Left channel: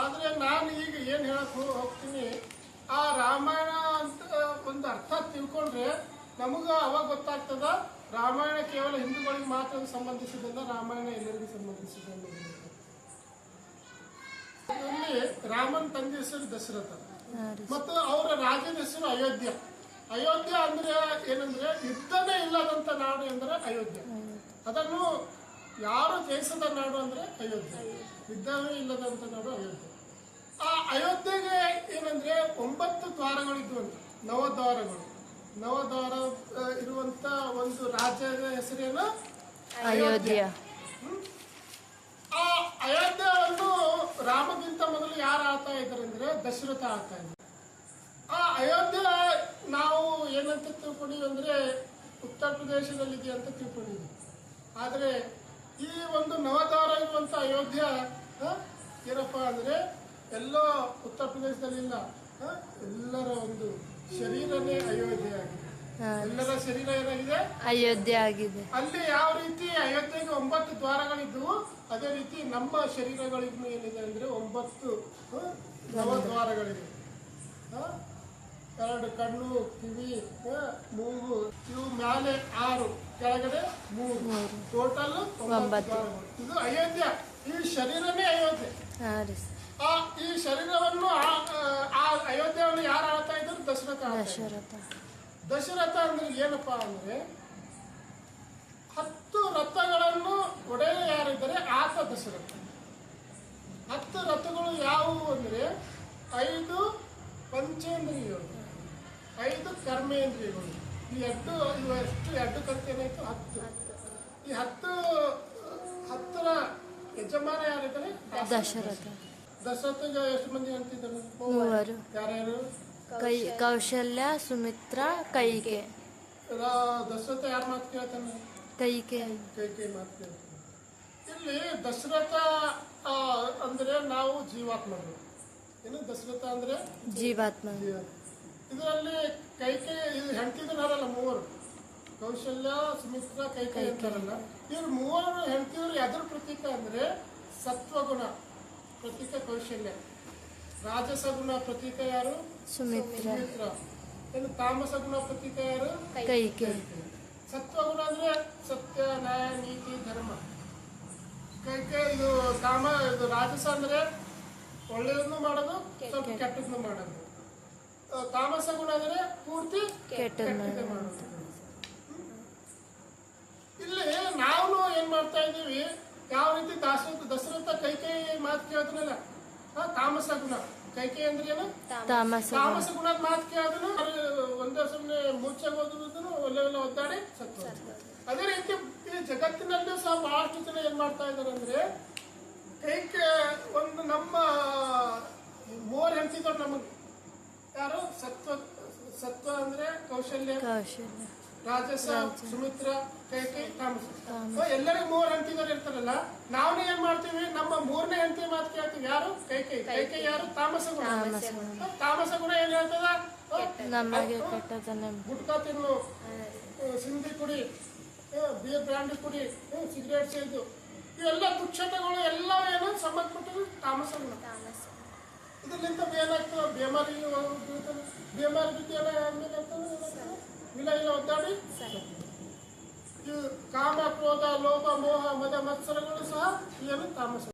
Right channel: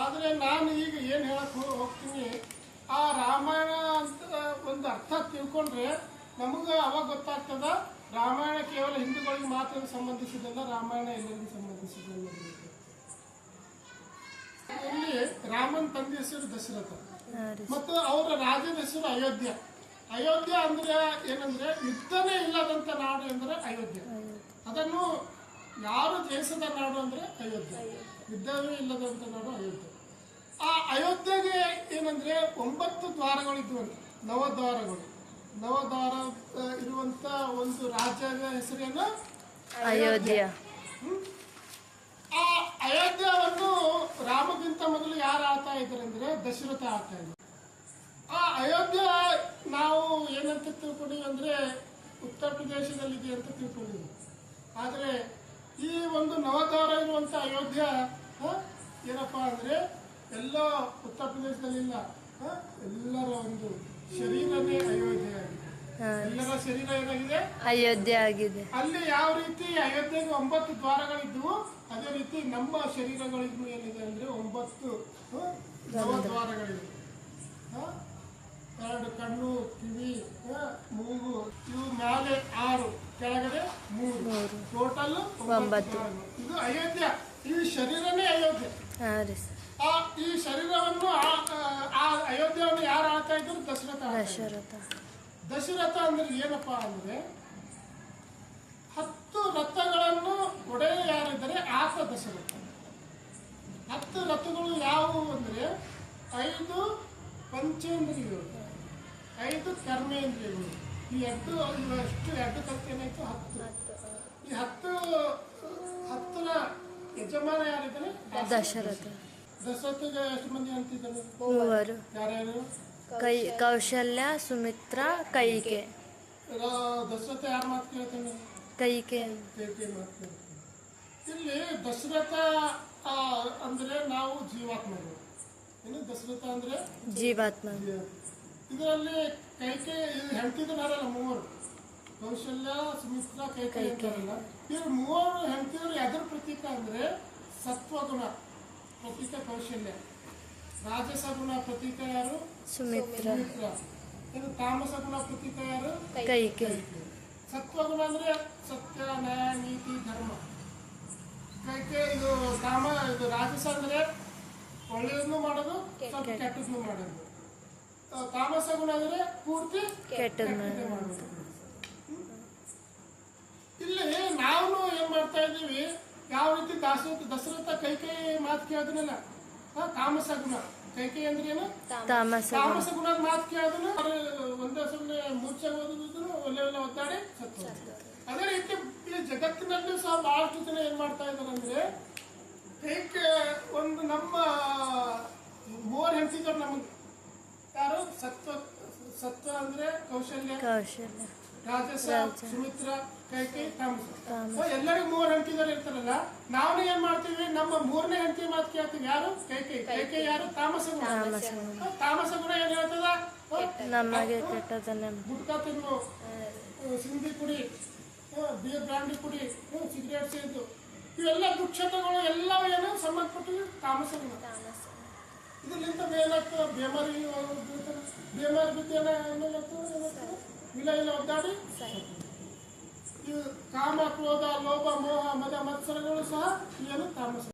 ಆದರೆ ನಾನು ಈಗ ಏನು ಹೇಳಕ್ಕೆ ಹೋಗ್ತೀನಿ, ಆ ರಾಮಾಯಣ ಅಂತ ಒಂದು ಅರ್ಥ ತಿಳ್ಕೊಂಡ್ರೆ ನಮಗೂ ಅವಾಗ ಗೊತ್ತಾಗ್ತದ ರಾಮಾಯಣ ಕೇವಲ ಹಿಂದೂಗಳಿಗೆ ಮಾತ್ರ ಸಂಬಂಧಿಸಿದಲ್ಲ, ರಾಮಾಯಣ ಎಲ್ಲರಿಗೂ ಸಂಬಂಧಿಸಿದಲ್ಲ. ಅಲ್ಲಿ ರಾಮನ್ ತಂದೆ ಹೆಸರು ದಶರಥ ಮತ್ತು ಅವರ ರಾಜ್ಯದ ಹೆಸರು ಅಯೋಧ್ಯ. ಅಯೋಧ್ಯ ಅಂದ್ರೆ ಏನಂದ್ರೆ ಯುದ್ಧನೇ ಇಲ್ಲದಂತ ನಾಡು ಎಂದರೆ ಅಯೋಧ್ಯ. ಅದನ್ನು ಯಾರು ಜಯಿಸದ ನಾಡು ಅಂದ್ರೆ ಅಯೋಧ್ಯ, ಯುದ್ಧವೇ ಇಲ್ಲದಂತ ನಾಡು ಅಯೋಧ್ಯ. ಆ ಅಯೋಧ್ಯೆಗೆ ಏನಂದ್ರೆ 9 ದ್ವಾರಗಳಿದ್ವಂತೆ, ನವದ್ವಾರ ಇರುವಂತ ಒಂದು ರಾಜ್ಯದ ಹೆಸರೇನು ಅಯೋಧ್ಯ. ಆ ಅಯೋಧ್ಯವನ್ನು ರಾಮಗಿಂತ ಮೊದಲು ಯಾರು ಆಳ್ತಾ ಇದ್ದಾರೆ ಅಂದ್ರೆ ದಶರಥ ಆಳ್ತಾ ಇದ್ದಾರೆ. ಆ ಅಯೋಧ್ಯ ನಾವು ಏನಂತ ತಿಳ್ಕೊಂಡಿವಿ ಅಂದ್ರೆ ಉತ್ತರ ಪ್ರದೇಶದಲ್ಲಿದೆ ಅಂತ ತಿಳ್ಕೊಂಡಿವಿ. ಆದ್ರೆ ಈ ಒಂದು ನವದ್ವಾರ ಇರುವಂತ ಅಯೋಧ್ಯ ಏನಪ್ಪಾ ಅಂದ್ರೆ ಎಲ್ಲೋ ಉತ್ತರ ಪ್ರದೇಶದಲ್ಲಿಲ್ಲ, ಎಲ್ಲರ ಒಂದು ಶರೀರನೇ ಅಯೋಧ್ಯೆ ಆಗಿದೆ. ಎಲ್ಲರ ಶರೀರ ಏನಾಗಿದೆ ಅಯೋಧ್ಯೆ ಆಗಿದೆ. ಅಲ್ಲಿ ಯಾವ ರೀತಿ ಅಯೋಧ್ಯೆಗೆ 9 ದ್ವಾರಗಳಿದ್ವು, ಅದೇ ರೀತಿ ನಮ್ಮ ಶರೀರಗಳಿಗೂ ಏನಿದೆ ಅಂದ್ರೆ 9 ನವದ್ವಾರಗಳಿವೆ. 2 ಕಣ್ಣು, ಕಿವಿ, ಮೂಗು, ಇವು ಮೇಲೆ 6, ಕೆಳಗಡೆ 3, ಟೋಟಲ್ 9. ಇದು ಅಯೋಧ್ಯ. ಈ ಶರೀರನೇ ಅಯೋಧ್ಯೆ. ಈ ಶರೀರವನ್ನು ಆ ಅಯೋಧ್ಯೆಯನ್ನು ಯಾರು ಆಳ್ತಾ ಇದ್ರು? ದಶರಥ ಅಂದ್ರೆ ಏನಪ್ಪಾ ಅಂದ್ರೆ 10 ರಥಗಳನ್ನು ಒಡೆಯ ಯಾರಿದ್ದಾರೆ ಆತ ದಶರಥ. 10 ರಥಗಳು ಯಾವುವು ಅಂದ್ರೆ 5 ಪಂಚೇಂದ್ರಿಯಗಳು, 5 ಕರ್ಮೇಂದ್ರಿಯಗಳು. ಈ 2 ಕಲ್ತೇನಾಯ್ತು 10. ಈ 10ರ ಯಜಮಾನ ಯಾರಿದ್ದಾರೆ? ದಶರಥ. ದಶರಥಗೆ ಎಷ್ಟು ಮಂದಿ ಅಂತಿದ್ದಾರೆ? 3. ಯಾರ್ಯಾರು? ಕೌಶಲ್ಯ, ಸುಮಿತ್ರ, ಕೈಕೆ. ದಶರಥ ಯಾರ ಮಾತು ಕೇಳ್ತಾನೆ? ಕೈಕೆ ಮಾತು ಕೇಳ್ತಾನೆ. ಇಲ್ಲಿ ದಶರಥ ಅಂದ್ರೆ ನಾವು ಜೀವಾತ್ಮಗಳು. ಏನು ದಶರಥ ಅಂದ್ರೆ ಜೀವಾತ್ಮ. ಇದರಲ್ಲಿ ಕೈಕೆ ಹೆಂಡತಿದಾರಲ್ಲ 3, ಕೌಶಲ್ಯ, ಸುಮಿತ್ರ, ಕೈಕೆ ಇರ್ತಾರಲ್ಲ. ಇವ್ರು 3 ಹೆಂಡತಿಯವರು ಎದ್ರ ಪ್ರತೀಕ ಅಂದ್ರೆ ಸತ್ವಗುಣ ಪ್ರತೀಕ ಕೌಶಲ್ಯ, ರಾಜಸ ಗುಣ ಪ್ರತೀಕ ಯಾರು? ಸುಮಿತ್ರ. ತಾಮಸ ಗುಣ ಪ್ರತೀಕ ಯಾರು? ಕೈಕೆ. ಸತ್ವಗುಣ ಅಂದ್ರೆ ಸತ್ಯ, ನ್ಯಾಯ, ನೀತಿ, ಧರ್ಮ. ಕೈಕೆ ಇದು ರಾಜಸ ಅಂದ್ರೆ ಒಳ್ಳೆಯದನ್ನು ಮಾಡೋದು, ಸ್ವಲ್ಪ ಕೆಟ್ಟದನ್ನು ಮಾಡೋದು. ತಾಮಸ ಗುಣ ಅಂದ್ರೆ ಪೂರ್ತಿ ಕೆಟ್ಟದ್ದು ಮಾಡೋದು. ಇಲ್ಲಿ ನಾವು ಏನ್ ಮಾಡ್ತಾ ಇದೀವಿ, ಯಾವ ರೀತಿ ದಶರಥ ಕೈಕೈ ಮಾತು ಕೇಳಿದ್ರಲ್ಲ, ತಾಮಸ ಗುಣ. ಕೈಕೈ ಅಂದ್ರೆ ಏನು? ತಾಮಸ ಗುಣದ ಮಾತು ಕೇಳಿದ್ರು ಒಂದೇ ಸುಮ್ಮನೆ ಮೂರ್ಛೆ ಓದಿದ್ರು ಒಳ್ಳೆ ಒದ್ದಾಡಿ ಸತ್ತು. ಅದೇ ರೀತಿ ಈ ಜಗತ್ತಿನಲ್ಲೂ ಸಹ ಬಹಳಷ್ಟು ಜನ ಏನ್ ಮಾಡ್ತಾ ಇದಾರೆ ಅಂದ್ರೆ ಕೈಕೆ ಒಂದು ನಮ್ಮ 3 ಹೆಂಡತಿದ್ರು ನಮಗೆ. ಯಾರು? ಸತ್ವ ಅಂದ್ರೆ ಕೌಶಲ್ಯ, ರಾಜಸ, ಸುಮಿತ್ರ, ಕೈಕೈ, ತಾಮಸ. ಎಲ್ಲರಿಗೂ 3 ಹೆಂಡತಿಗಳು ಇರ್ತಾರಲ್ಲ, ನಾವು ಏನ್ ಮಾಡ್ತೀವಿ, ನಮ್ಮ 3ನೇ ಹೆಂಡತಿ ಮಾತು ಕೇಳ್ತೀವಿ. ಯಾರು? ಕೈಕೈ ಯಾರು? ತಾಮಸ ಗುಣ. ತಾಮಸ ಗುಣ ಏನ್ ಹೇಳ್ತದ? ನಮಗೆ ಕೆಟ್ಟದನ್ನೇ ಗುಟ್ಕಾ ತಿನ್ನು, ಸಿಂಧಿ ಕುಡಿ, ಬಿಯರ್ ಬ್ರಾಂಡಿ ಕುಡಿ, ಸಿಗರೇಟ್ ಸೇದು, ಇವೆಲ್ಲ ದುಶ್ಚಟಗಳು ಎಲ್ಲವೂ ಏನು ಸಂಬಂಧಪಟ್ಟಿವೆ ತಾಮಸ ಗುಣ. ಇದರಿಂದ ಏನಾಯ್ತು? ಬೇಮಾರಿ ಬಿದ್ದು ಆದ್ಮೇಲೆ ಇಲ್ಲ ಒದ್ದಾಡಿ ಕಾಮ, ಕ್ರೋಧ, ಲೋಭ, ಮೋಹ, ಮದ, ಮತ್ಸರಗಳು ಸಹ ಏನು ತಾಮಸ.